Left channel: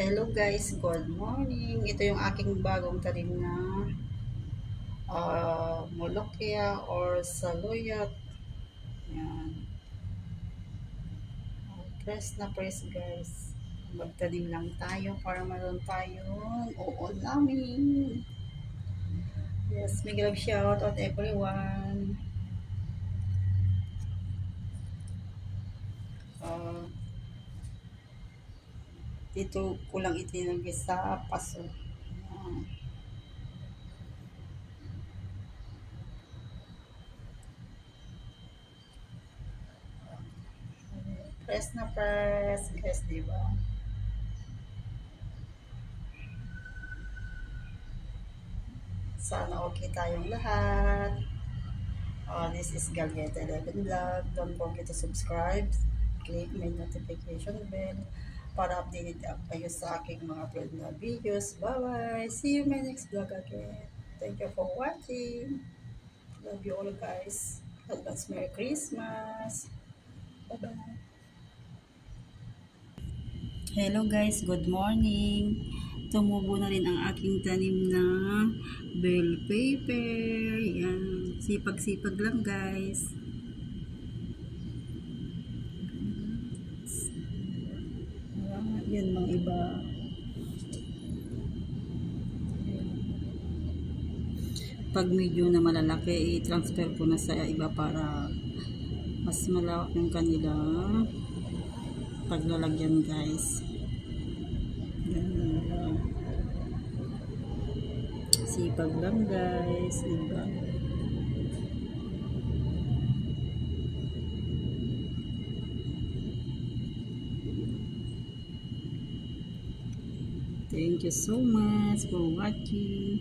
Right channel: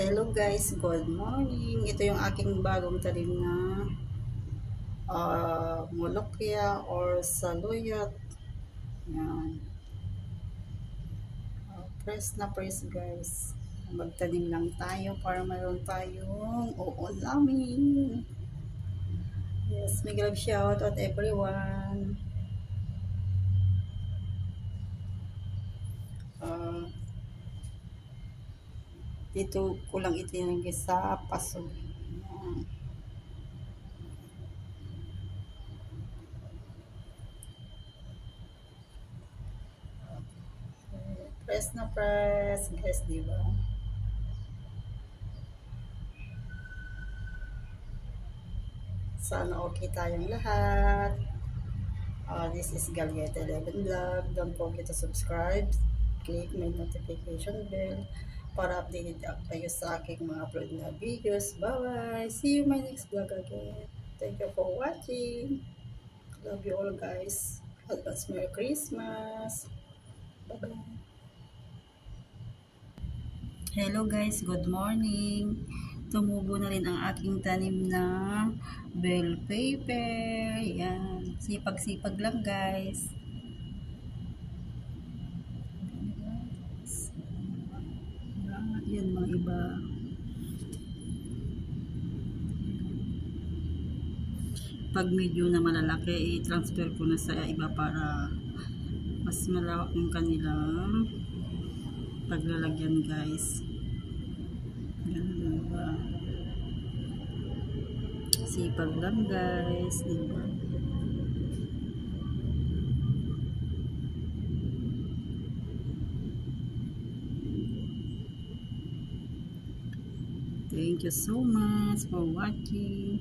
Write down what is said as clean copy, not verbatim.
Hello guys, good morning. Ito yung aking bagong talim na Molokia or Saluyot. Yan. Press na press guys. Magtanim lang tayo para mayroon tayong uulamin. Yes, may love shout out everyone. Dito ko lang itinagay sa paso. Yan. Press na press guys, diba? Sana okay tayong lahat. This is Gallieta 11 Vlog. Don't forget to subscribe. Click my notification bell para updated kayo sa aking mga upload na videos. Bye-bye! See you in my next vlog again. Thank you for watching. Love you all guys. Advance Merry Christmas. Bye-bye. Hello guys, good morning. Tumubo na rin ang aking tanim na bell pepper. Yan. Sipag-sipag lang guys. Yan mga iba. Pag medyo na malalaki, i-transfer ko na sa iba para mas malawak yung kanilang paglalagyan guys. Sipag lang guys, diba? Thank you so much for watching.